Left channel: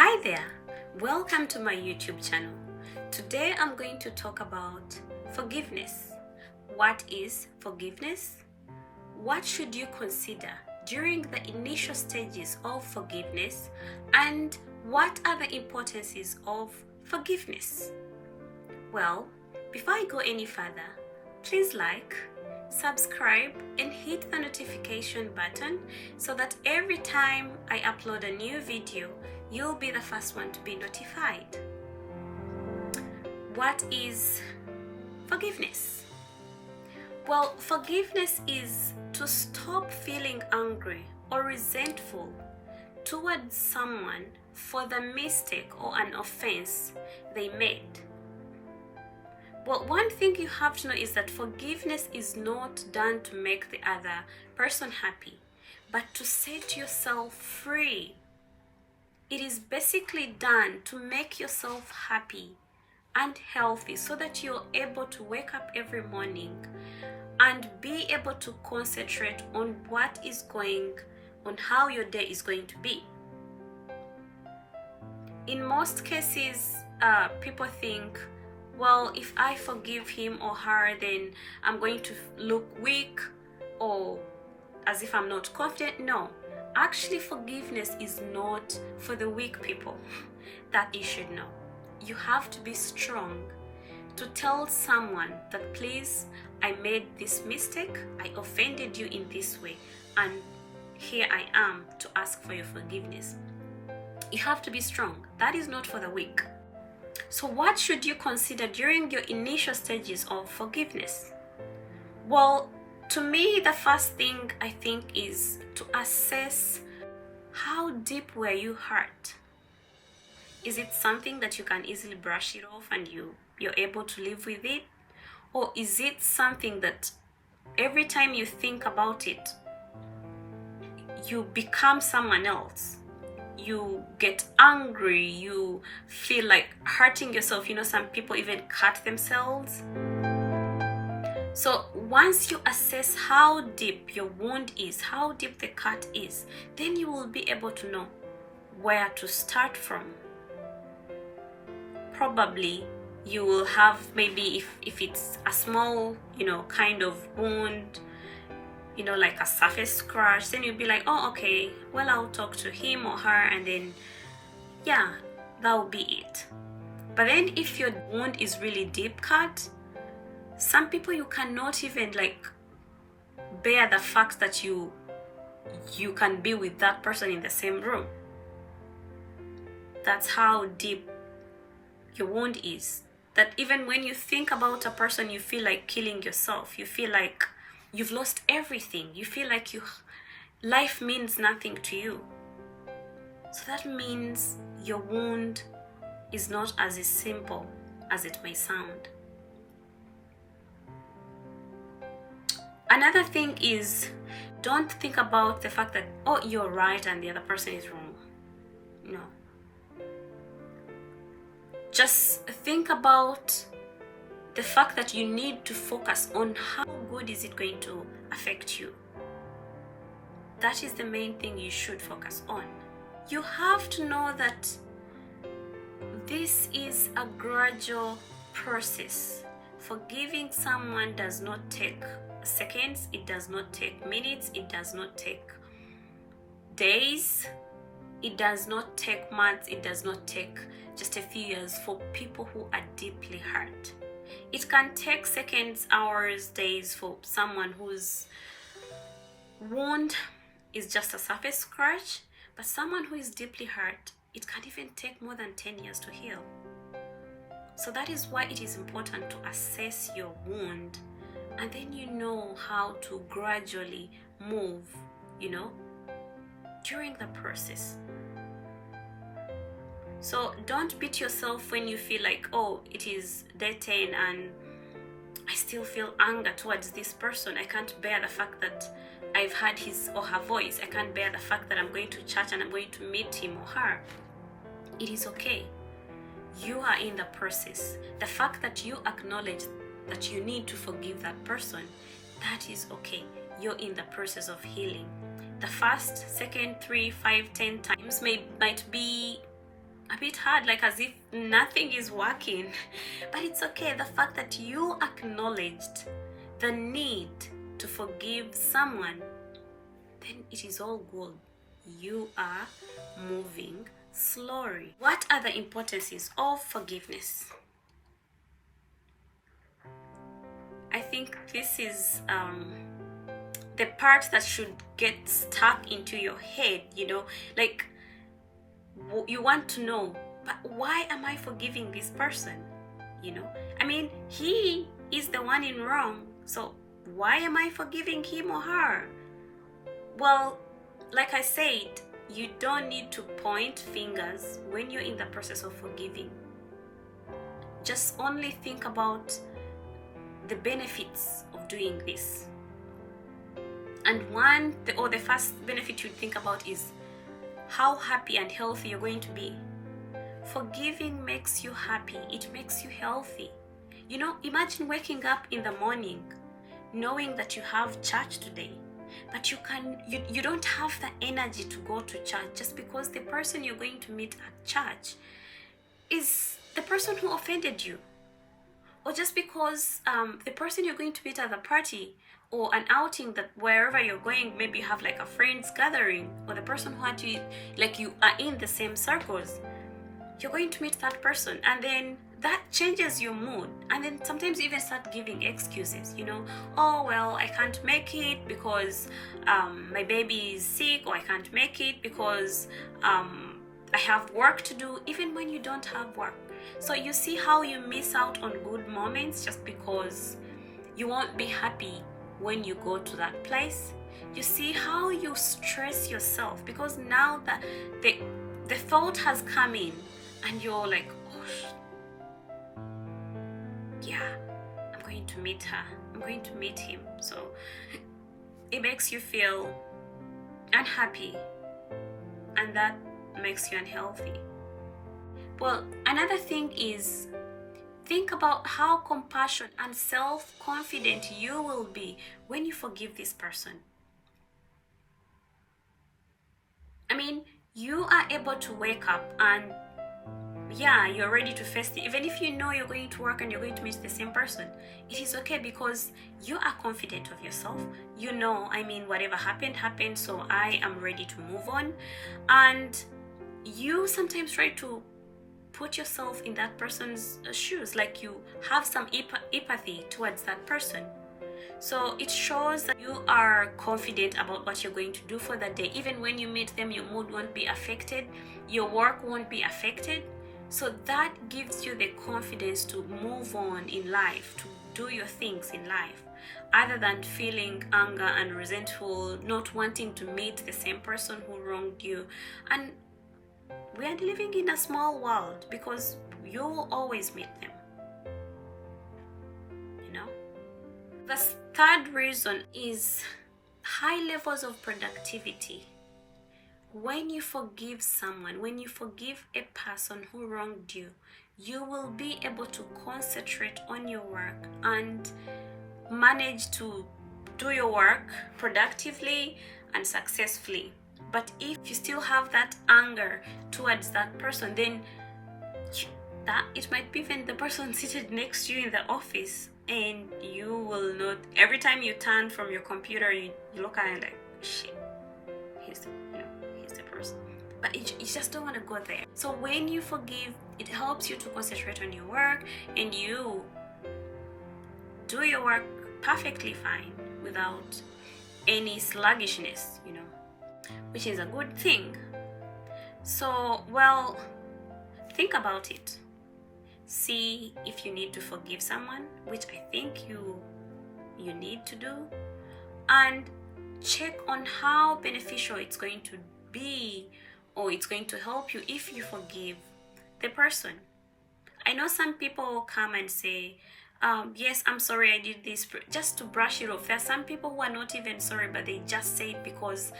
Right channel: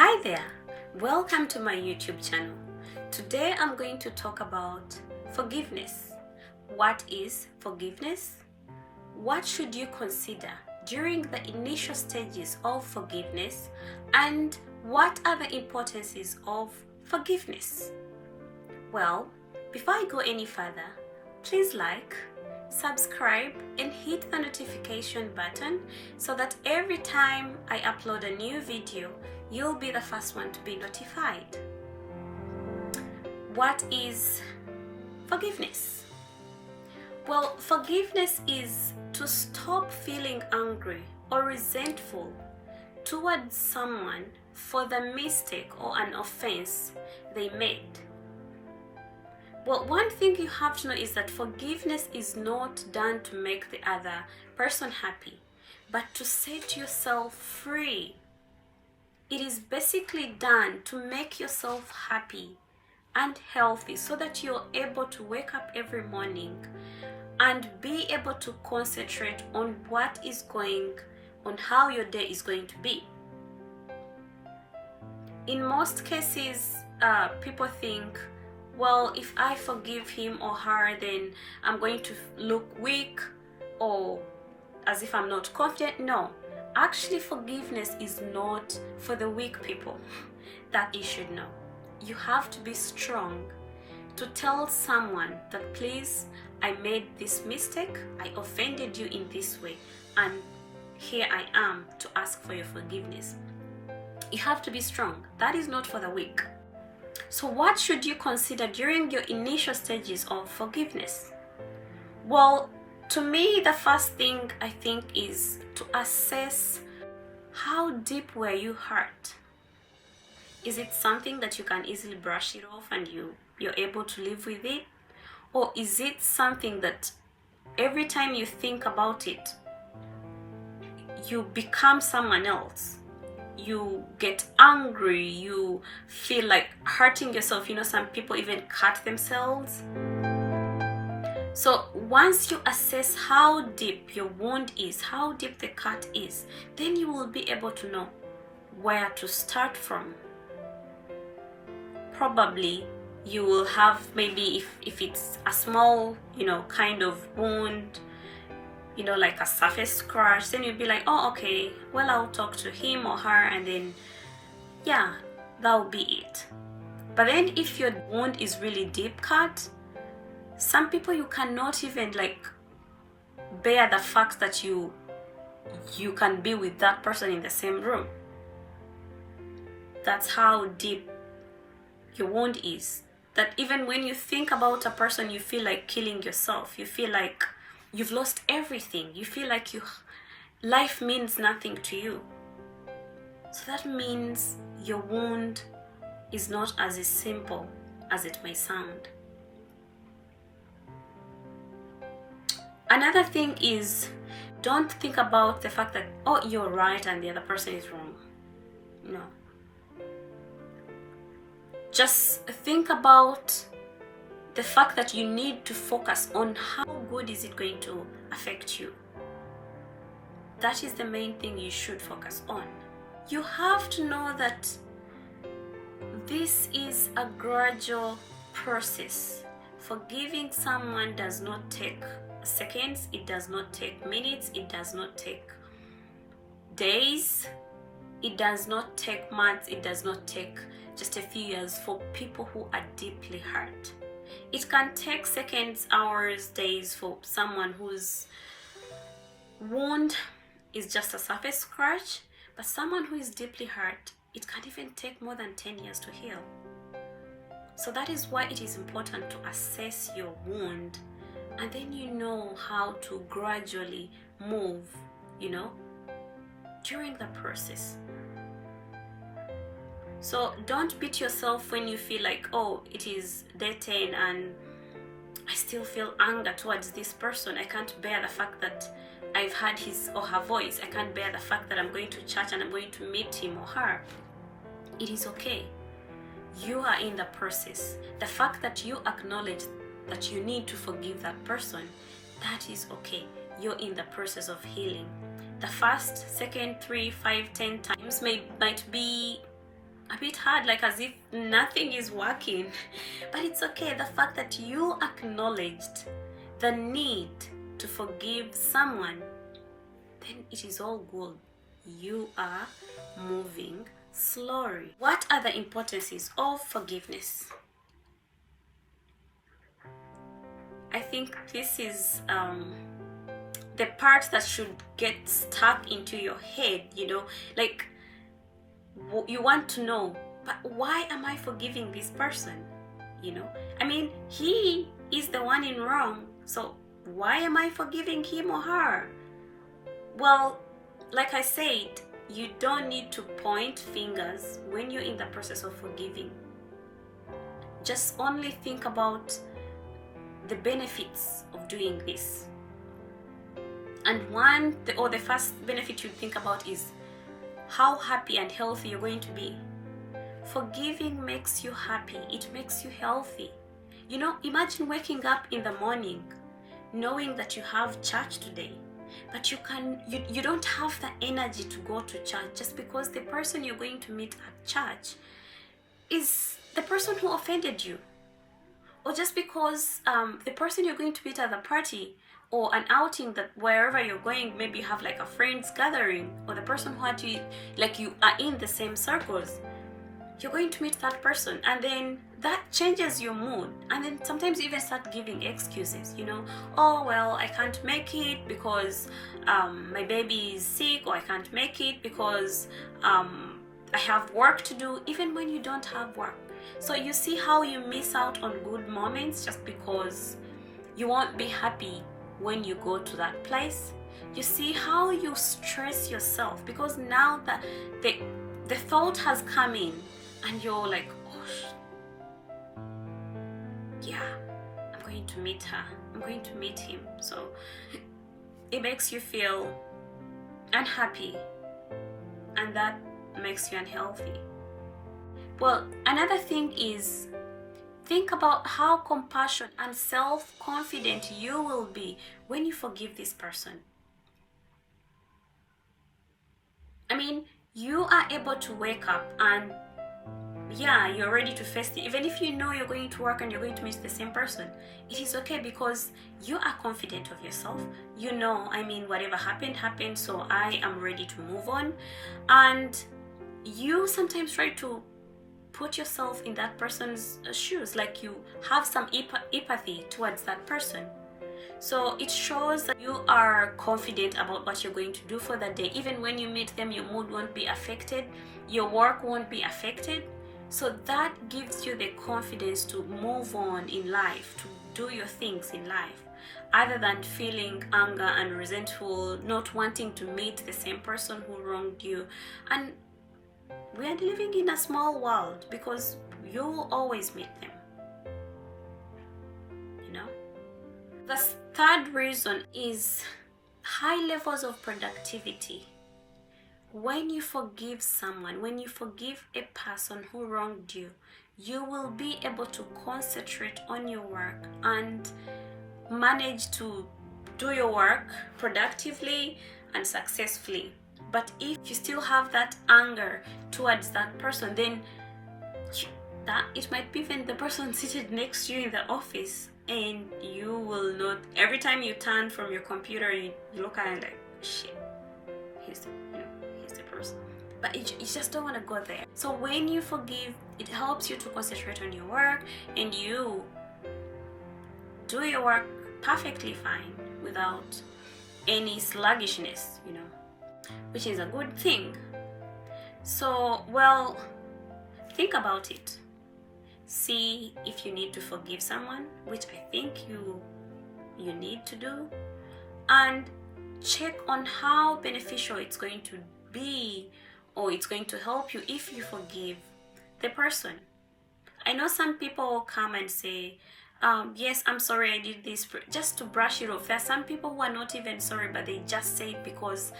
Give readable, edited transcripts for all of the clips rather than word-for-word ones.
Hi there, welcome to my YouTube channel. Today I'm going to talk about forgiveness. What is forgiveness? What should you consider during the initial stages of forgiveness, and what are the importances of forgiveness? Well, before I go any further, please like, subscribe and hit the notification button so that every time I upload a new video, you'll be the first one to be notified. What is forgiveness? Well, forgiveness is to stop feeling angry or resentful towards someone for the mistake or an offense they made. Well, one thing you have to know is that forgiveness is not done to make the other person happy, but to set yourself free. It is basically done to make yourself happy and healthy so that you're able to wake up every morning and be able to concentrate on how your day is going to be. In most cases, people think, well, if I forgive him or her, then I'm going to look weak or as if I'm not confident. No, actually forgiveness is not for the weak people. That you should know. You have to be strong to tell someone that, please, I made this mistake, I offended you in this way, and here I am to ask for your forgiveness. You have to be strong. That is not for the weak. So what should you consider during your initial stages of forgiveness? Well, to me, the first thing I think is to assess how deep were you hurt. Is it something that you can easily brush it off and you're able to live with it? Or is it something that every time you think about it, you become someone else? You get angry, you feel like hurting yourself. Some people even cut themselves. So once you assess how deep your wound is, how deep the cut is, then you will be able to know where to start from. Probably you will have, maybe if it's a small, kind of wound, like a surface scratch, then you'll be like, oh, okay, well, I'll talk to him or her, and then, yeah, that'll be it. But then if your wound is really deep cut, some people, you cannot even bear the fact that you can be with that person in the same room. That's how deep your wound is. That even when you think about a person, you feel like killing yourself. You feel like you've lost everything. You feel like life means nothing to you. So that means your wound is not as simple as it may sound. Another thing is, don't think about the fact that, oh, you're right and the other person is wrong. No. Just think about the fact that you need to focus on how good is it going to affect you. That is the main thing you should focus on. You have to know that this is a gradual process. Forgiving someone does not take seconds, it does not take minutes, it does not take days, it does not take months, it does not take just a few years for people who are deeply hurt. It can take seconds, hours, days for someone whose wound is just a surface scratch, but someone who is deeply hurt, it can even take more than 10 years to heal. So that is why it is important to assess your wound, and then you know how to gradually move, during the process. So don't beat yourself when you feel like, oh, it is day 10 and I still feel anger towards this person. I can't bear the fact that I've heard his or her voice. I can't bear the fact that I'm going to church and I'm going to meet him or her. It is okay. You are in the process. The fact that you acknowledge that you need to forgive that person, that is okay. You're in the process of healing. The first, second, 3, 5, 10 times might be a bit hard, like as if nothing is working. But it's okay. The fact that you acknowledged the need to forgive someone, then it is all good. You are moving slowly. What are the importances of forgiveness? I think this is the part that should get stuck into your head, like you want to know, but why am I forgiving this person? I mean, he is the one in wrong, so why am I forgiving him or her? Well, like I said, you don't need to point fingers when you're in the process of forgiving. Just only think about the benefits of doing this. And the first benefit you think about is how happy and healthy you're going to be. Forgiving makes you happy. It makes you healthy. Imagine waking up in the morning knowing that you have church today, but you don't have the energy to go to church just because the person you're going to meet at church is the person who offended you, or just because the person you're going to meet at the party or an outing, that wherever you're going, maybe you have like a friends gathering, or the person who had you, like you are in the same circles, you're going to meet that person, and then that changes your mood, and then sometimes you even start giving excuses, oh well, I can't make it because my baby is sick, or I can't make it because I have work to do, even when you don't have work. So you see how you miss out on good moments just because you won't be happy when you go to that place. You see how you stress yourself because now that the thought has come in, and you're like, oh, yeah, I'm going to meet her, I'm going to meet him. So it makes you feel unhappy, and that makes you unhealthy. Well, another thing is, think about how compassionate and self-confident you will be when you forgive this person. I mean, you are able to wake up and you're ready to face it. Even if you know you're going to work and you're going to meet the same person, it is okay because you are confident of yourself. Whatever happened, so I am ready to move on. And you sometimes try to put yourself in that person's shoes, like you have some empathy towards that person. So it shows that you are confident about what you're going to do for that day. Even when you meet them, your mood won't be affected, your work won't be affected. So that gives you the confidence to move on in life, to do your things in life, other than feeling anger and resentful, not wanting to meet the same person who wronged you. And we are living in a small world because you will always meet them. The third reason is high levels of productivity. When you forgive someone, when you forgive a person who wronged you, you will be able to concentrate on your work and manage to do your work productively and successfully. But if you still have that anger towards that person, then that it might be even the person seated next to you in the office, and you will not, every time you turn from your computer, you look at it like, shit, he's the person. But you just don't want to go there. So when you forgive, it helps you to concentrate on your work, and you do your work perfectly fine without any sluggishness, which is a good thing. So, well, think about it. See if you need to forgive someone, which I think you need to do, and check on how beneficial it's going to be, or it's going to help you if you forgive the person. I know some people come and say, yes, I'm sorry I did this, just to brush it off. There are some people who are not even sorry, but they just say it because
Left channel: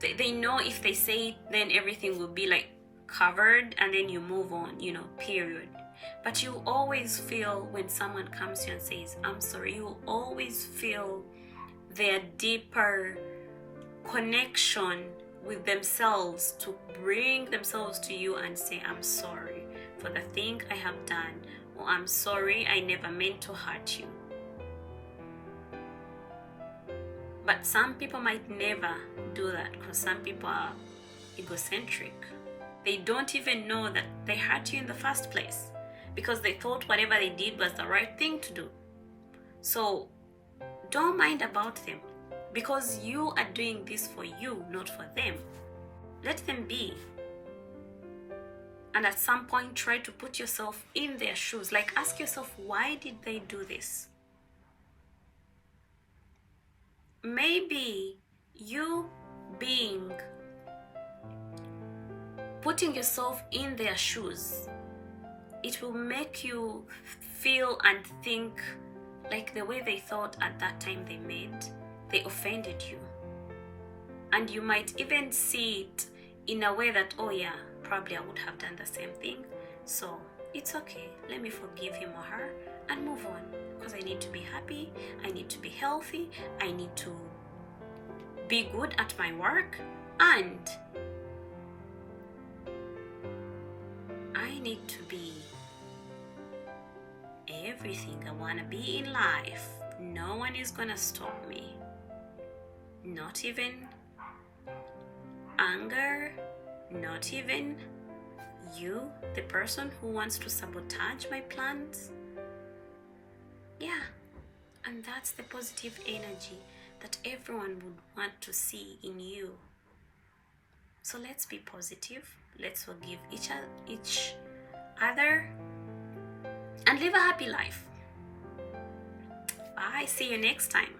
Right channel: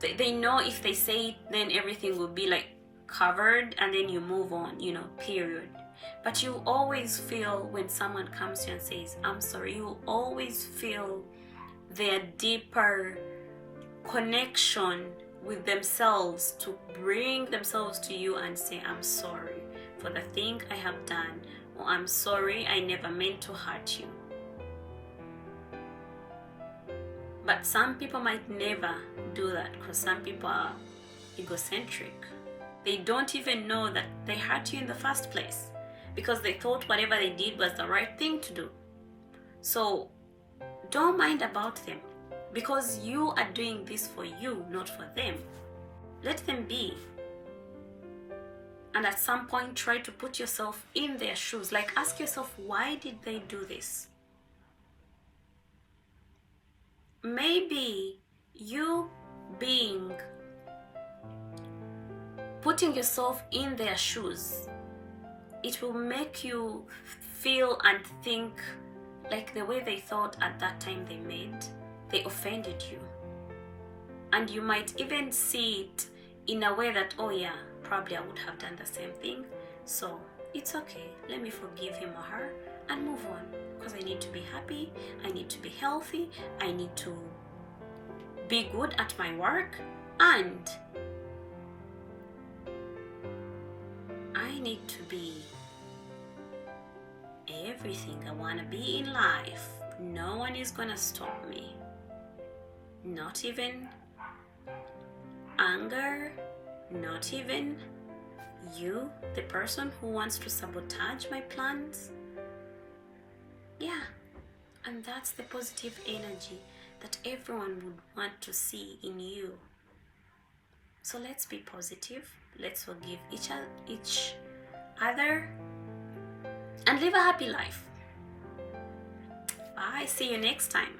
they know if they say it, then everything will be like covered, and then you move on, period. But you always feel when someone comes to you and says, I'm sorry, you always feel their deeper connection with themselves to bring themselves to you and say, I'm sorry for the thing I have done, or I'm sorry, I never meant to hurt you. But some people might never do that, because some people are egocentric. They don't even know that they hurt you in the first place, because they thought whatever they did was the right thing to do. So don't mind about them, because you are doing this for you, not for them. Let them be. And at some point, try to put yourself in their shoes. Like, ask yourself, why did they do this? Maybe you putting yourself in their shoes, it will make you feel and think like the way they thought at that time they offended you. And you might even see it in a way that, oh yeah, probably I would have done the same thing. So it's okay. Let me forgive him or her and move on, because I need to be happy. I need to be healthy. I need to be good at my work, and I need to be everything I want to be in life. No one is gonna stop me. Not even anger, not even you, the person who wants to sabotage my plans. Yeah, and that's the positive energy that everyone would want to see in you. So let's be positive. Let's forgive each other and live a happy life. Bye. See you next time.